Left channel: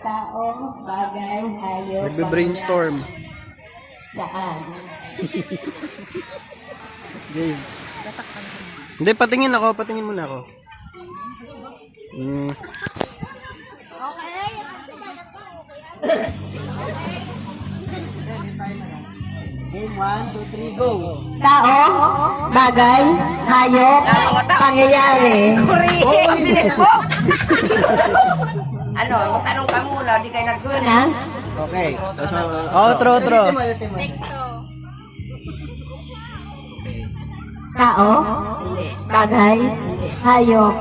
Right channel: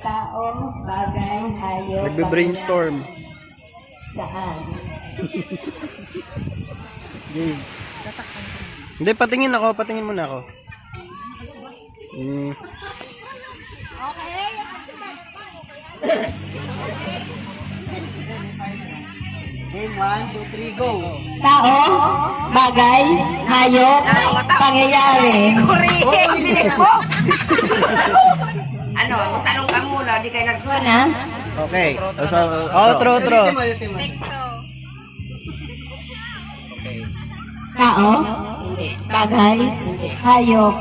Tao, bagay, hayop. Nagbe-brainstorm. Saan? Game. Hindi, patingin ako. Patingin muna ako. Game 1, 2, 3, go! Tao, bagay, hayop, pangyayari. Oh, bilis mo! Ano, tanong ka muna, di kayo nag-doon ha? Okay. Outro. Tao, bagay, hayop,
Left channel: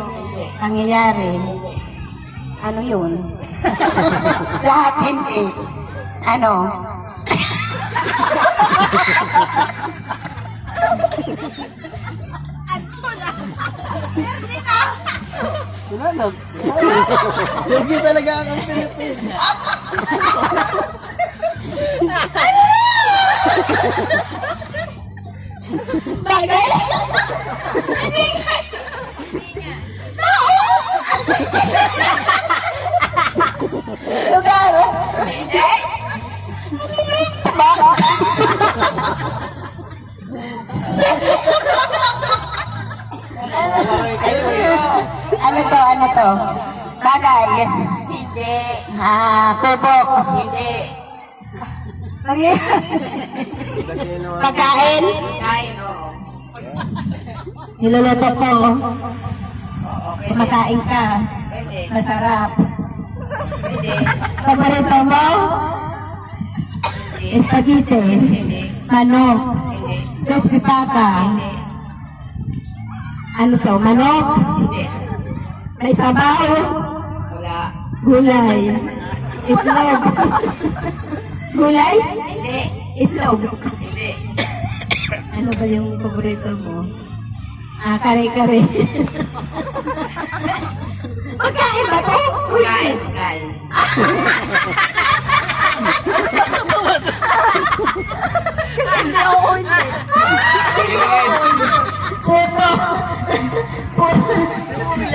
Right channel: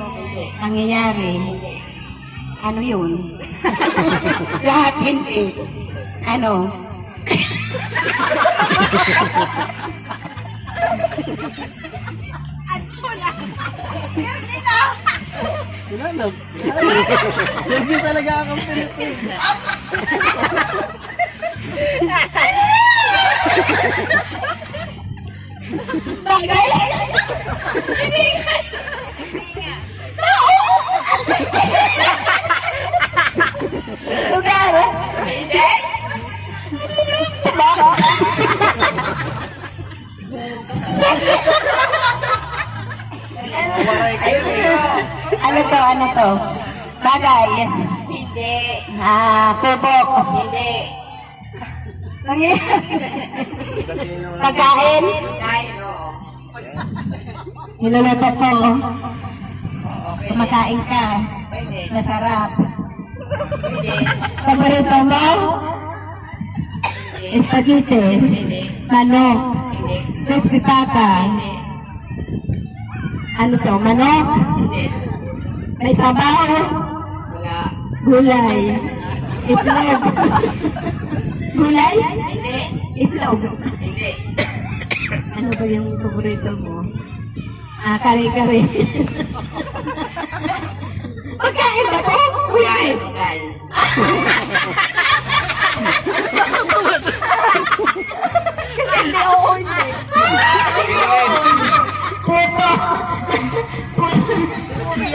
pangyayari. Ano yun? Lahat hindi. Ano? Tinanong. Hindi talaga akong Pilipino. Bagay? Lugar? Ano to? Bagay? Hindi. Tubok? Hindi. Pagkain? Tayo. Niluluto ko. Makain ka. Pwede. Masarap. Pwede. Paborito mo? Spaghetti. Manok. Hindi. Crispy pata. Ano to? Manok? Hindi. May sabaw? Wala. Gulay. Itlog. Gulay? Hindi. Itlog. Hindi. Ano ba yung paborito mo? Kare-kare. Pagkain ba to? Kain. Kain. Kasi hindi ako hindi. Puto.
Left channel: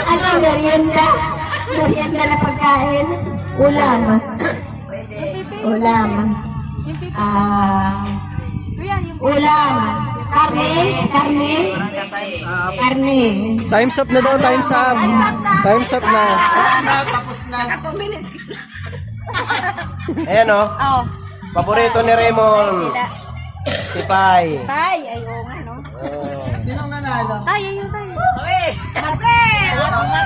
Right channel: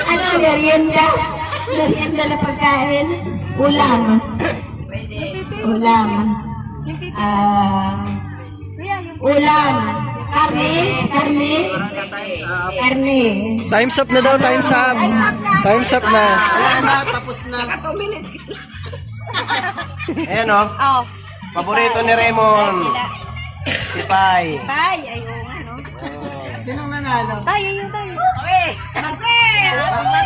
Ano, merienda? Merienda na pagkain? Ulam. Pwede. Ulam. Ulam. Karne? Karne? Karne. Time's up na daw. Time's up. Time's up na. Tapos na. 2 minutes. Ayan o. Oh. Paborito ni Raymond. Si Pai. Tay. Ay, oo nga, no? Sinong nanalo? Tayo yung tayo. Okay. Okay.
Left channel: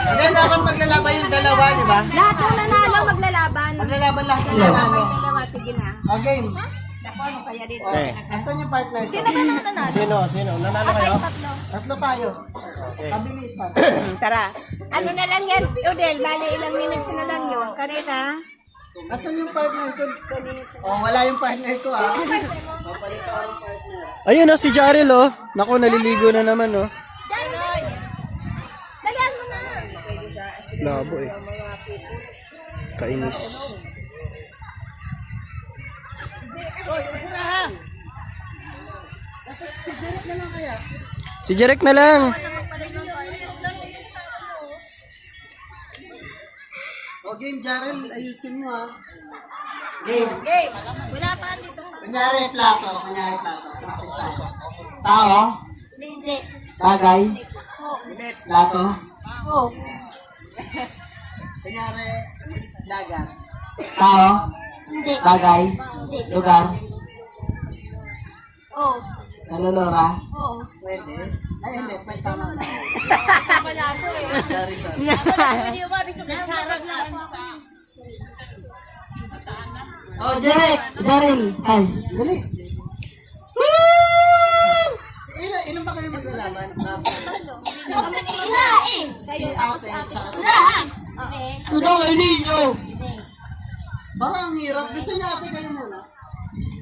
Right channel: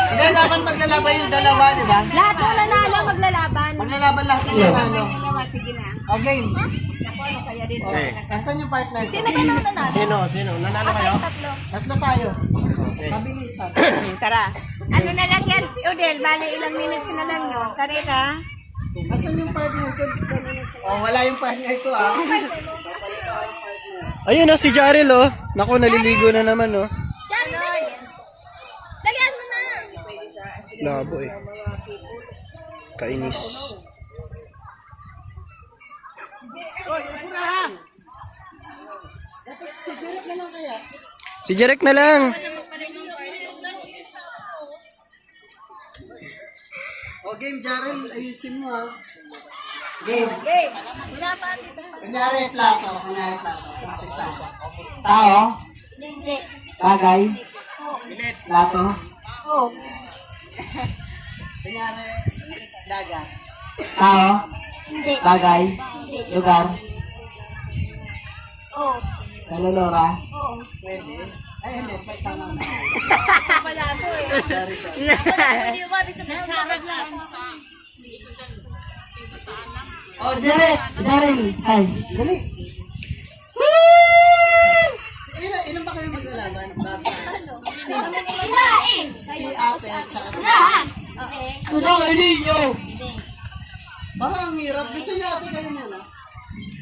Hindi, dapat maglalaban yung dalawa, di ba? Lahat ng nanalo maglalaban. Maglalaban lahat yung nanalo. Sige na. Game. Ano kaya dito? Okay. Asan yung partner ko? Sino ba nang nanalo? Sino? Nanalo kayo? Tatlo. Tatlo tayo. Okay. Kabilisan. Tara. Ano na lang yan, Udel? Bale, ilang minutes na lang yun. Kanina? Asan yung partner ko? Oh, wala yung partner ko ah. Ayun si Jarel oh. Naku, naliligo na naman oh. Lagyan mo na. Labo eh. Kainis. Si Jarek na lang. O game, Jarel, ayusin mo ah. Game. Okay. Wala pa dito. Kunyari plato. Practice lang. Tao. Hindi. Bagay. Plato. Oh. Kunyari dagat. Tao. Hindi. Bagay. Hindi. Lugar. Oh. Kalolora. Oh. Pwede. Ay, hindi. May tama na. Wala ko eh. Sorry. Pwede mo mabit na sarang nga. Oh, Jarel. Ay, dali. Ilan ba kami maglalaban? Hinain. Si ate, tsaka si... Okay. Tudong ninyo! Parang ang hirap. Gusto niya ate kayo muna.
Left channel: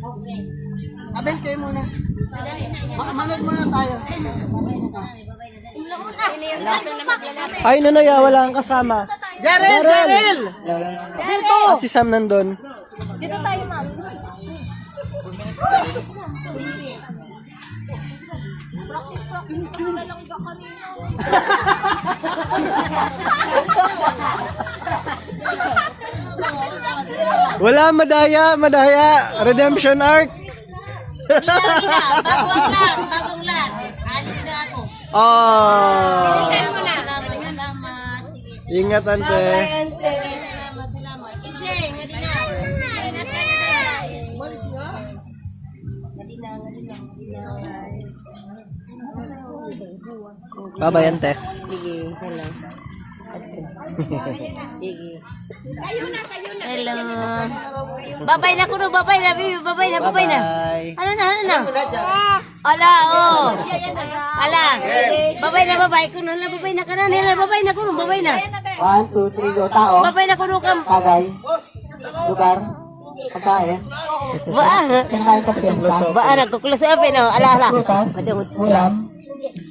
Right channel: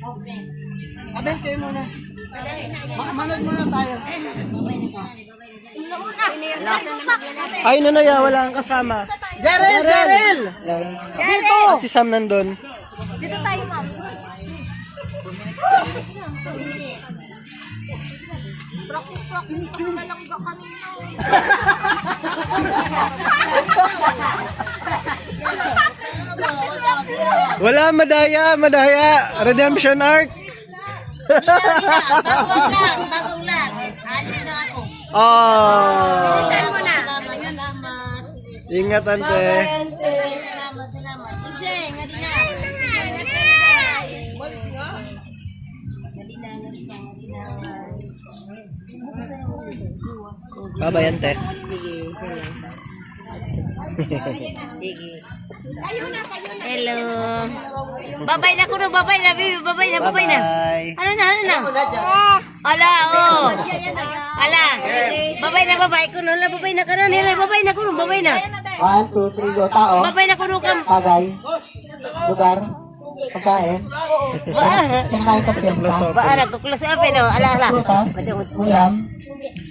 Okay. Abel, kayo muna. Manod muna tayo. Ay, Nanaya, wala kang kasama. Jarel! Ah, si Sam nandun. Dito tayo, ma'am. Practice kasi nalangga kanina. Wala, madaya. Redemption arc. Bagong lang. Alis na ako. Oh. Salamat. Sige. Ingat, ante. Salamat. Ikse, ngadi na. Bye-bye, ante. Kayo na. Hello. Babay na kuno, babay na, baby. Babay na. Bye. Ano na? Ala, oh. Ala. Babay kuno na, babay na kanan. Babay na kuno, babay na. 1, 2, 3, go. Tao. Babay na kuno kam. Bagay. Lugar. Pagkain. Kinakain pa piyesta. Ba ana ko klase apa no? Ala. Prutas. Ulam.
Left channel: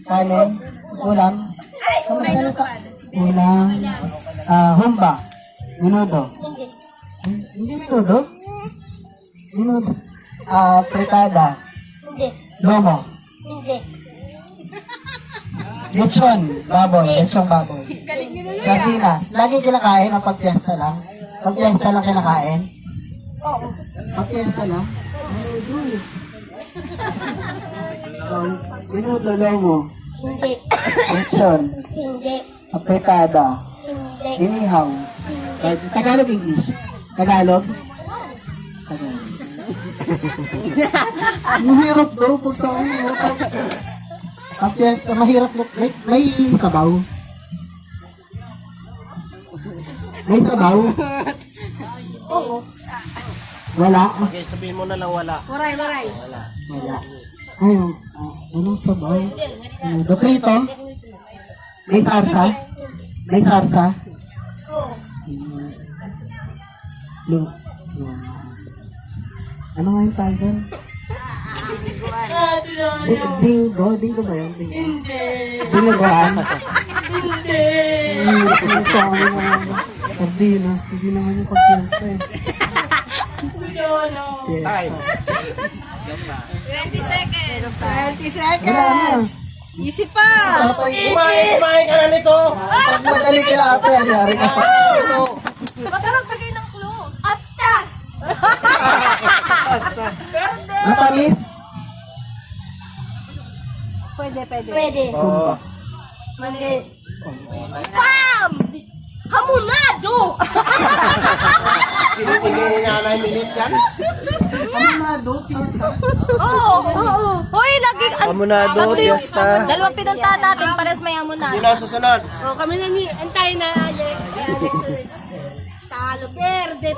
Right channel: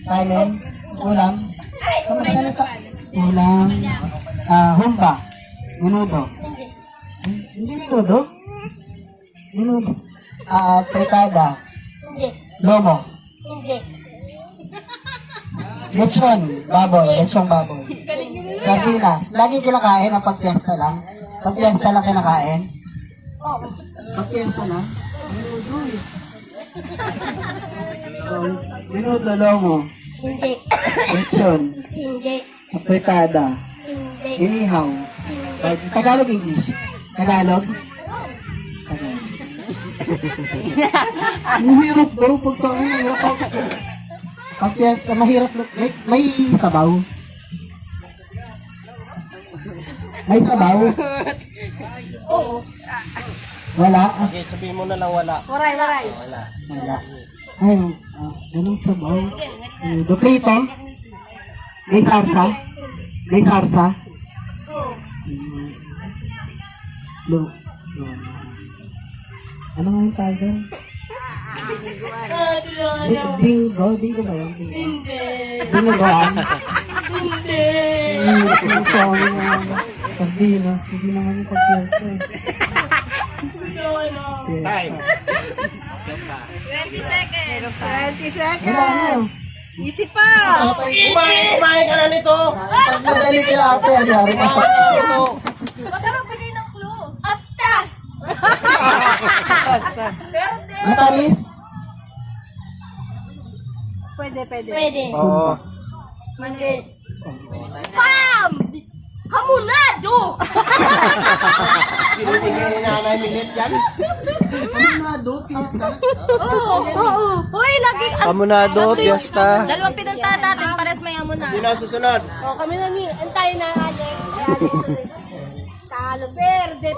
Kanin. Ulam. Kamusta? Ulam. Humba. Minudo. Hindi minudo? Minudo. Fritada. Lomo. Lechon baboy. Sardinas. Lagi kinakain ang pagpiesta lang. Pagpiesta lang kinakain. Pagpiesta lang. Minudo, lomo. Lechon. Fritada. Inihaw. Tagalog, English. Tagalog. Mahirap daw pag sa akin. Ang piyesta, mahirap. May sabaw. May sabaw. Wala. Okay, sabihin mo na lang wala. Waray. Wala. Ayun. Anong sabaw? Doprito. May sarsa. Lo. Ano nga yung tawag? Bingo ba yun? Bingoan? Sardinas, hindi naman yung pag-fiesta eh. Wala na. Isip pa. Kumain ka na nito. Pag madali sila ate, anyari ka sa ito. Magkaroon bigay ng clue. Atta. Matamis? Pwede. Oo. Bam! Hamunado! Hindi nga na minute yan. Hamunado, fiesta. Oo. Hoy, lagi. Amunado, fiesta. Dalawang pinuntahan natin para sa may hamunado. Sino ang susunod? Kami na ni antayin na Alex. Talo, verde.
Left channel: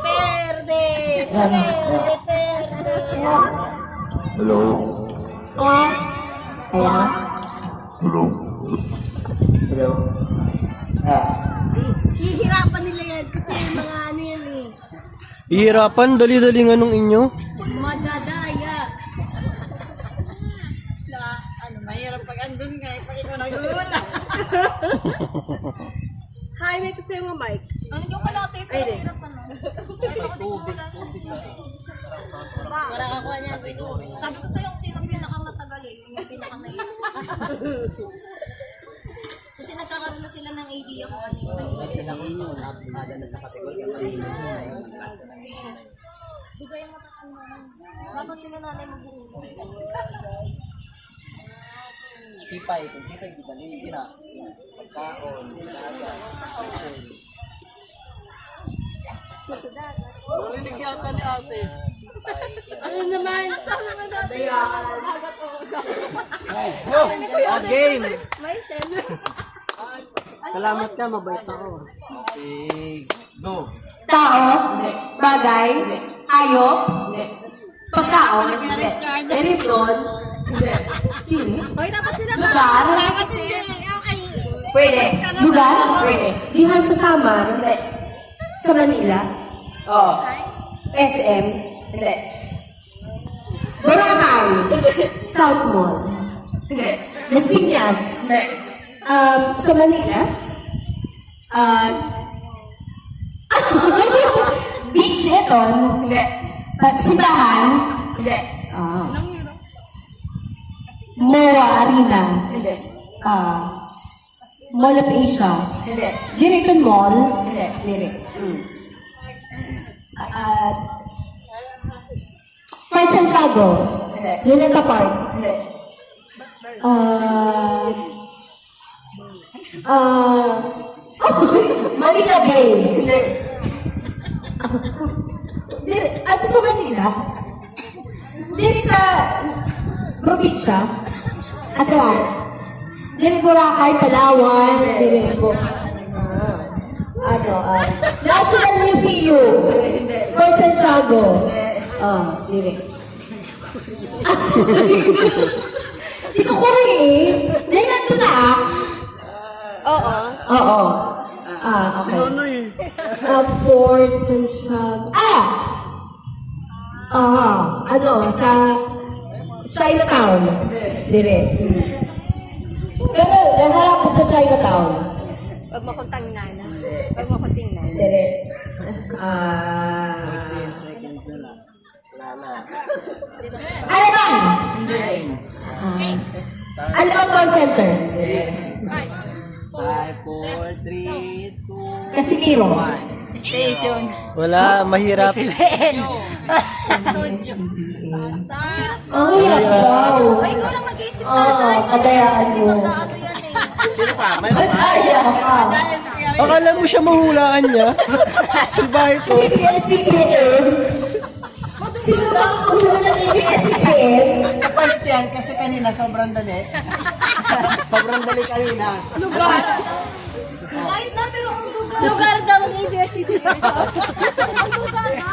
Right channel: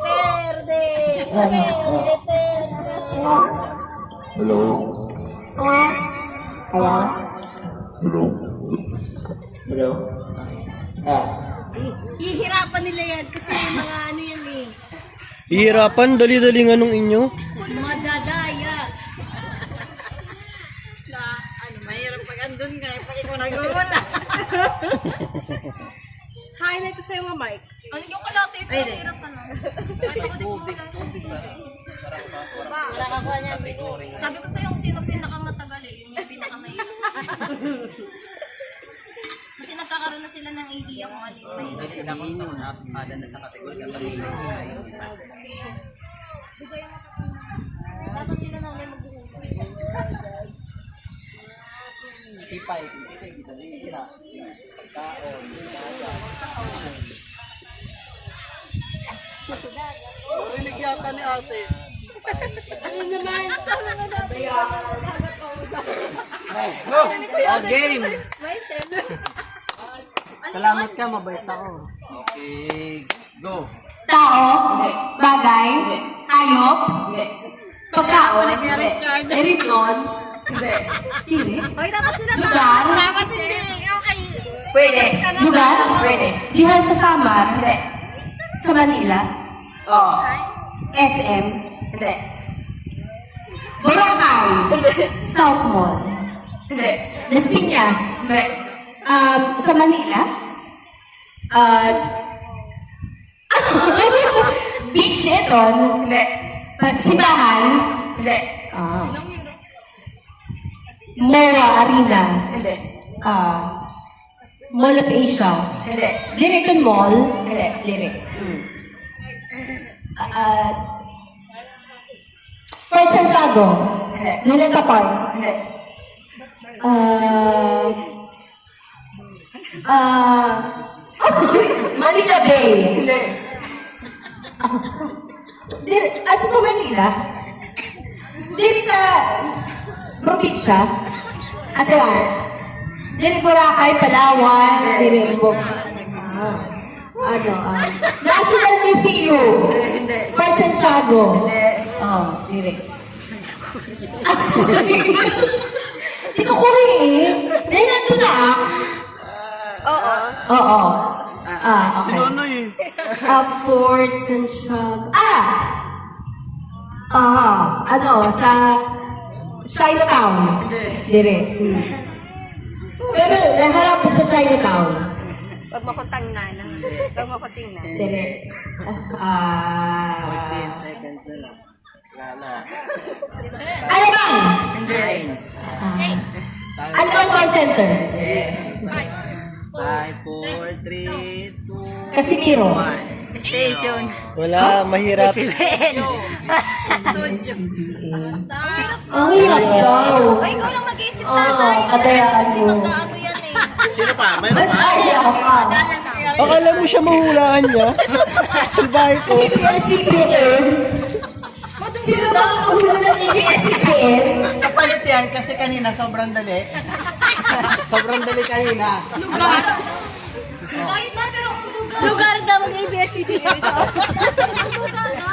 Ayan. Hihirapan nila yan kasi mga ano yan eh. Hihirapan, dali-dali nga nung inyo. Madadaya. Mahirap pag andun ka, pag ikaw nag-uuna. Hi na ito sa'yo mga Mike. Ano yung kalate ito? Mahirap ka na. Wala ka kuha niya. Sabi ko sa'yo kung sino pinakamatagal eh. Yung pinakamahirap. Kasi nagkakaroon na sila ng idea kung ano yung mahirap. Dapat sila nanay mag-uuna. Tipay, kita nila. Pagkaon, Narinig yata ni ate. Ano naman? Game! Salamat ka, mabait ako. Okay, go. Tao, bagay, hayop, pagkaon, eripon, Hoy, dapat sila lugar, dapat hindi. Okay. pwede, lugar, pwede, dihan sa Samar, sa Manila, SM, Boracay, South Mall, Las Piñas, sa Manila, Beach Eton, Simbahan, MOA Arena. Hindi. Mall of Asia. Hindi. Lyrican Mall. Hindi. Lyric. Fort Santiago. Hindi. Luneta Park. Hindi. Manila Bay. Hindi. At sa Manila. Diri sa probinsya. At diri Boracay, Palawan. Diri National Museum. Fort Santiago. Diri. Di ko kuri eh. Dahil nandito na Oo. Okay. Fort Santiago. Sa Chinatown. Dire. Pero naharap sa Chinatown. Huwag mo kong tangnan. Huwag mo kong tingnan. Dire. 14 seconds na lang. Wala na. Ano ba? Hindi. Ano ang call center? 5, 4, 3, 2, Casimiro. Station. Wala, mahirap. Ang hirap daw. Ay, ikaw lang mag-iisip Kadayaan mo. Ano yan eh. Sino pa? May Ba't ayaw ka? Dahil sa kaya akala mo siya mahulaan niya. Si Baito. ABS-CBN. Sino ba ang kahula ng ABS-CBN? Kapalit yan kasi kanina sobrang dali. Sobrang dali kanina. kahit na, pero kung lugar. Lugar daw ng ABS-CBN ito. Lugar na.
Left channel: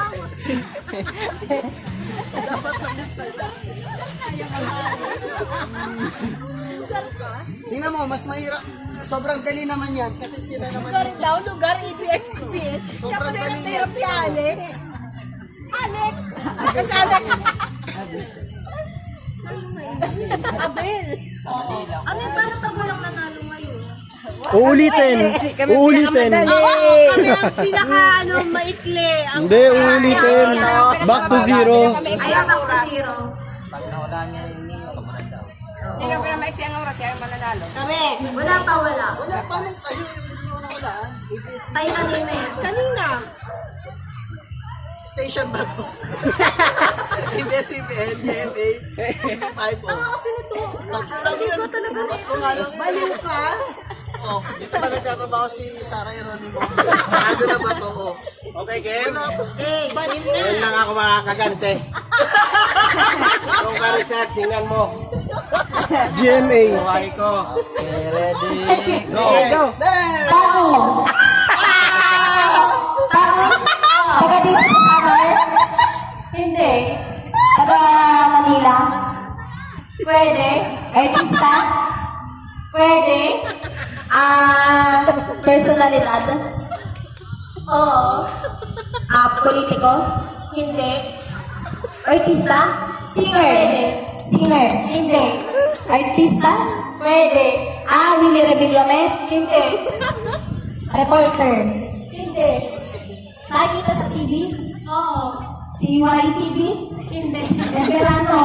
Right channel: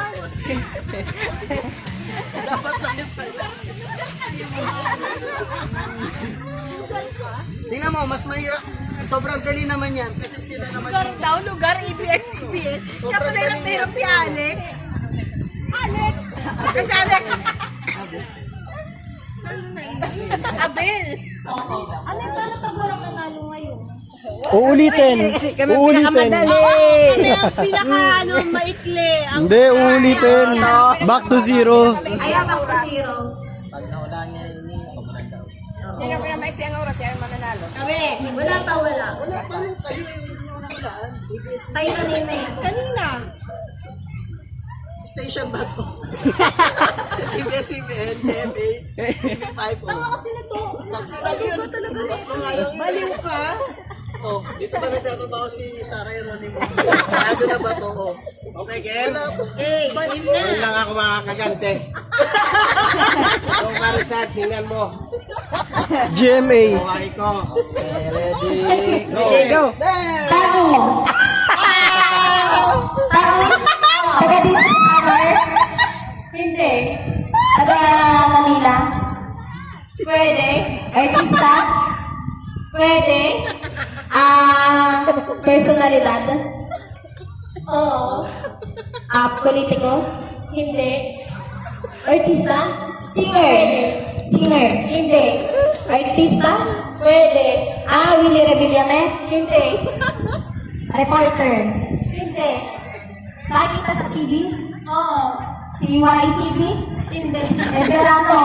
Tingnan mo, mas mahirap. Sobrang dali naman yan kasi sila naman Lugar daw, lugar ABS-CBN. Kaya pala hirap si Alex. Alex! Kasi Alex. Abel. Ano yung parang pag walang nanalo ngayon? Uulitin. Uulitin. Kami ang pinaka maikli. Hindi, uulitin. Back to zero. Ayan ako na zero. Sino pero maiksi ang oras? Siya ang mananalo. Wala pa, wala. Tayo kanina yan. Kanina. station ba to? ABS-CBN, DMA, 5 Ang kasi nito. Hindi ko talaga Baliw ka? Oh, dito ba nagtatrabaho si Sarah Geronimo? Ano na ba to? Oh. Okay, Ken? Eh, Ngayon lang ako makakagante. So, Richard, tingnan mo. GMA. Okay ko. Ready? Go! Tao! Tao? Taga dito sa Summer? Hindi. Taga Manila? Pwede. Artista? Pwede. Personalidad? Oo. Politiko? Hindi. Artista? Singer? Singer? Hindi. Artista? Pwede. Willie Rebillame? Hindi. Reporter? Hindi. Nakikita sa TV? Oo. Si YTV? Hindi. Esperanto?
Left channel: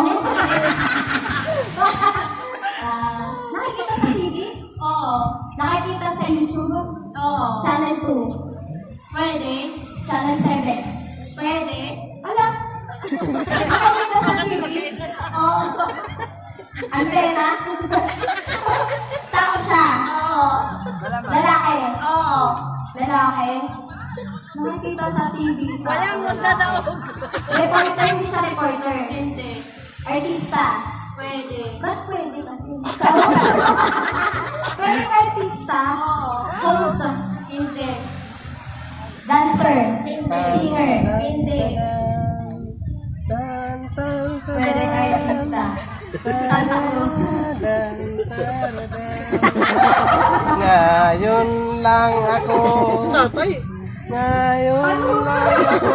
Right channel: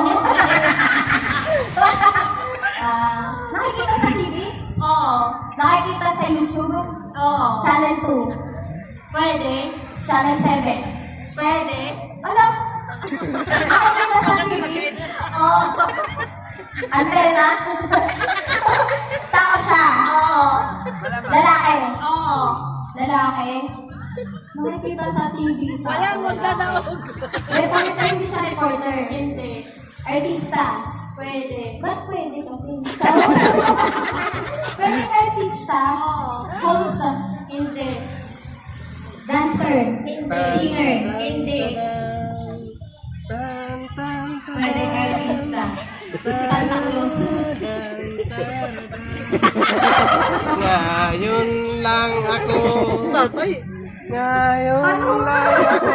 Nakikita sa TV? Oo. Nakikita sa YouTube? Oo. Channel 2? Pwede. Channel 7? Pwede. Ano? Nakikita sa TV? Oo. Antena? Tao siya? Oo. Lalaki? Oo. Lalaki? Nakikita sa TV. Walang magdadawag. Reporter, hindi siya reporter. hindi. Artista? Pwede. Ba't pwede kasi? Pwede artista? Oo. Host? Hindi. Dancer? Hindi. Singer? Hindi. Pwede artista? Santa Cruz? Ngayon lang ako. Ngayon lang ako.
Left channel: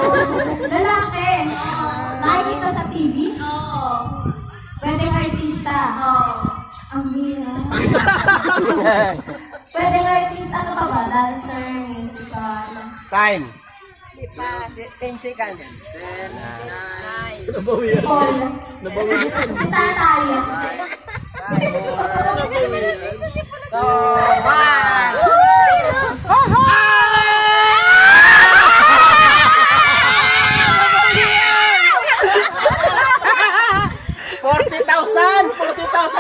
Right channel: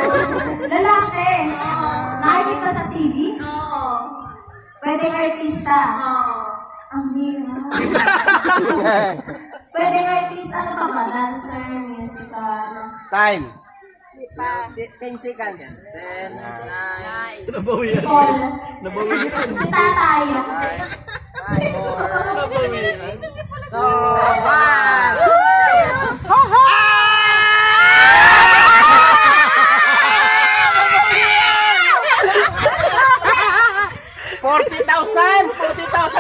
Lalaki? Nakikita sa TV? Oo. Pwede artista? Oo. Ang mira. Pwede artista? Ano pa ba? Dancer? Musical? Time. 10 seconds. 10, 9, Si Paul? Saan tayo? $40,000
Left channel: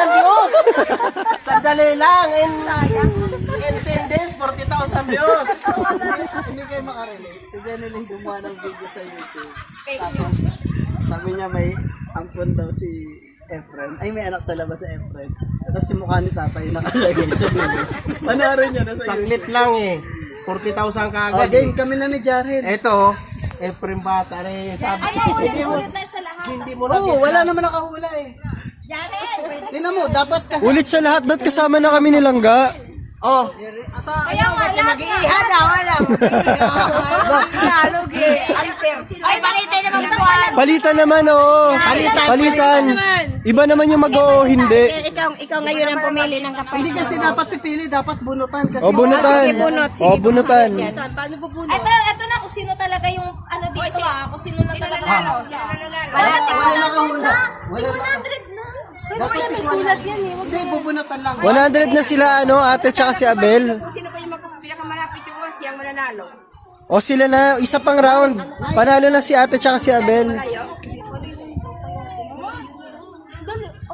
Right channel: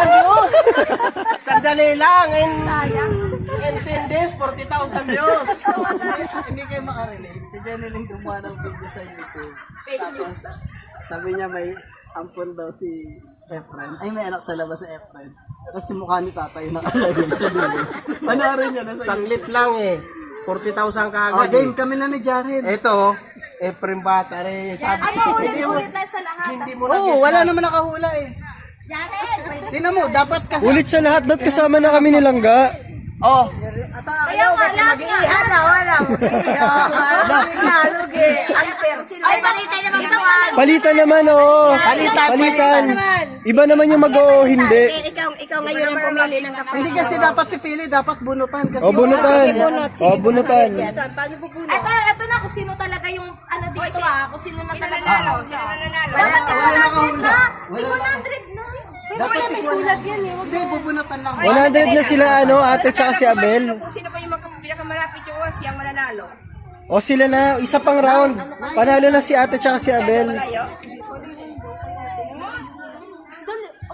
views! Sandali lang, in 10 days, 40,000 views! Hindi kayo makarelate. Si Janeline gumawa ng video sa YouTube. Tapos, sabi niya may ampon daw si Efren. Ay, may anak sa labas si Efren. Tapos si mukha ni tatay nakalagay sa video. Panoorin niyo na sa Saglit lang eh. 40,000 kaagad. Oh, game kami na ni Jared. Ito, Efren Bata rin. Sabi, Ulit na sa lahat. hindi mo na Oo, wala naman nakahula eh. Tingnan mo, dapat kasi... Ulit sa lahat, ba't kasama na kami nilangga? Oh, Kaya nga lahat na. Ay, balita naman ito. Palitan naman, oo. Palitan. Iba naman yung mag-oo, hindi. Ikaw ngayon ang pumili ng kapatid. hindi kasi dapat pipili, dapat bunutan kasi. O, bunutan. O, bunutan. Ito na kung sino talaga yung ano dito kung sino na talaga. Wala Dapat 100 nakahula. na. Wala 100 na. Dapat Kaya may sulat yan eh. Hindi, bubunutan lang. 100 na sila, ano, ate tsaka si Abel. Sino pa yung pinakamalapit yung siyang mananalo? O, sila na, isa pang round. Panalo na si ate tsaka si Abel.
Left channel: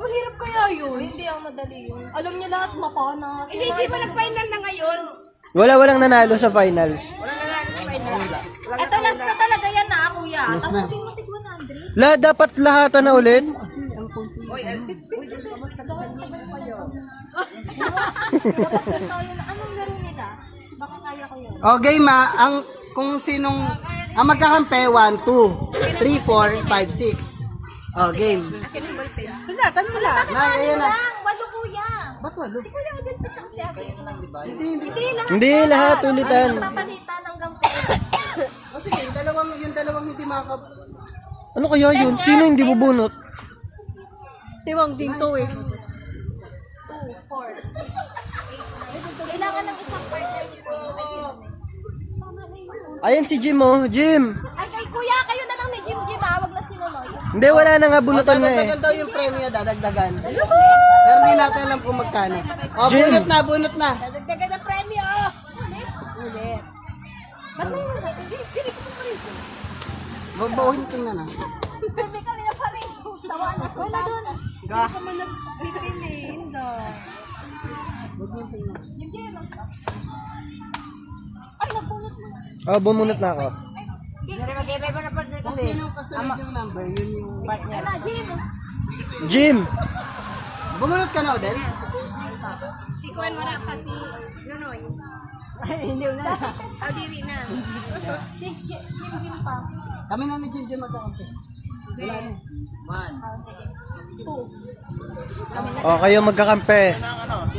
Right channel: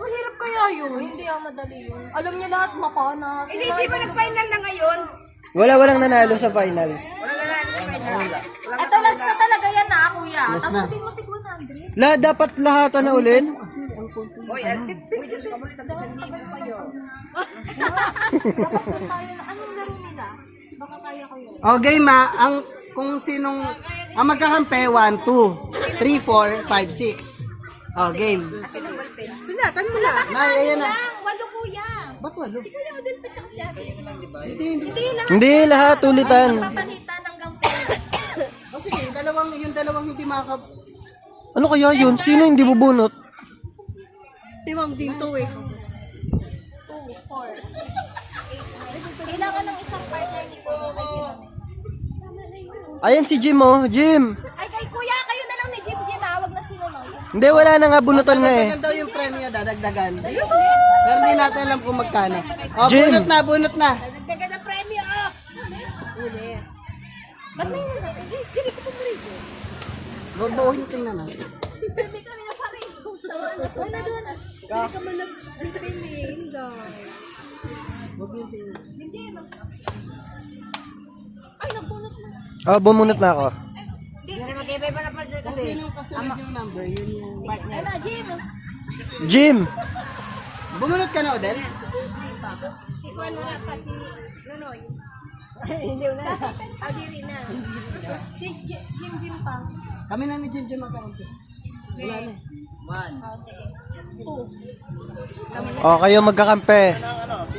Mahirap kaya yun. Hindi ang madali yun. Alam niya lahat mapana. Hindi ba nag-final na ngayon? Walang nanalo sa finals. Ito last na talaga yan na kuya. Tapos sabihin mo tig 100. Dapat lahatan na ulit. Dapat tayo na anong laro nila? Baka kaya ko yun. O, game ang kung sinong, ang magkakampi, 1, 2, 3, 4, 5, 6. O, game. Sunatan mo lang. Na, ayan na. Lang, walo kuya. Si Kuya Odel pa tsaka si Ate. Hindi lang. Hindi, lahat ulitan. Papalitan ng gampi. O, sige, yung dalawang hindi makakap... Ano kaya yun? Sino hindi bubunot? Tiwang dito eh. 2, 4, 6. Kailangan ng isang partner dito. Tama na yun. Ayan si Jim, oh. Jim. Ay, kay kuya, kayo na lang ni Jim Jim. Wag na sinunoy. Hindi, wala na nga bunutan na eh. Dadagdagan daw yung premyo, dadagdagan. Pero hindi natin alam kung magkano. O, Jim. bunot na. Dadagdagan ng premyo. Ulit. Ba't may hindi ko pa rito? Babawiin tingnan na. Sabi kami na pa rito. Sawa na. Wala doon. Dito kay Linda. Jim Jim. Ay, nagbunot mo. Oh, bumunot na ako. Kasi nung kasunod yung number, yun yung partner. Wala, Jim. Jim. Bumunot ka na, Odel? Si Juan mo na kasi Nonoy. Sabi pa. Audiri na. Si Jim Jim pa. Kami na ni Jim Jim magkakampi. Wala na. 2. O, kayo magkakampi.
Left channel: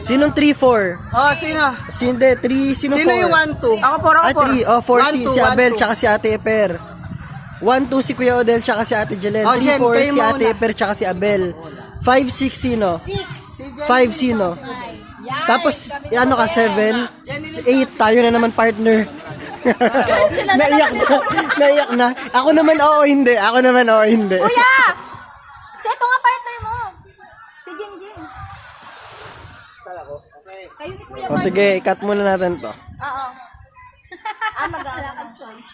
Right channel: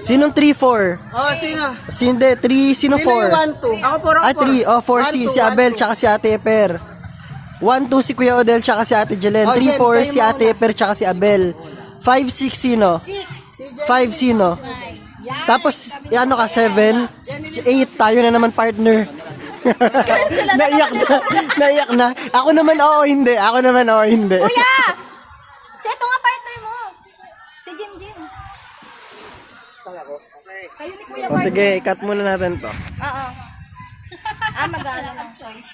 Sinong 3-4? Oh, sino? Hindi, 3, sino Sino yung 4? 1, 2? Ako parang 3, oh, 4 si Abel, tsaka si Ate Eper. 1, 2 si Kuya Odel, tsaka si Ate Jelen. Oh, 3, Jen, 4 kayo si Ate muna. Eper, tsaka si Abel. 5, 6 sino? 5 sino? Tapos, ano ka, 7? 8, tayo na naman partner. Naiyak na, naiyak na. Ako naman, oo, hindi. Ako naman, oo, hindi. Kuya! Si ito nga partner mo. Si Jim Jim. Kayo ni Kuya. O sige, i-cut muna natin to. Oo. Mag-aalakad choice.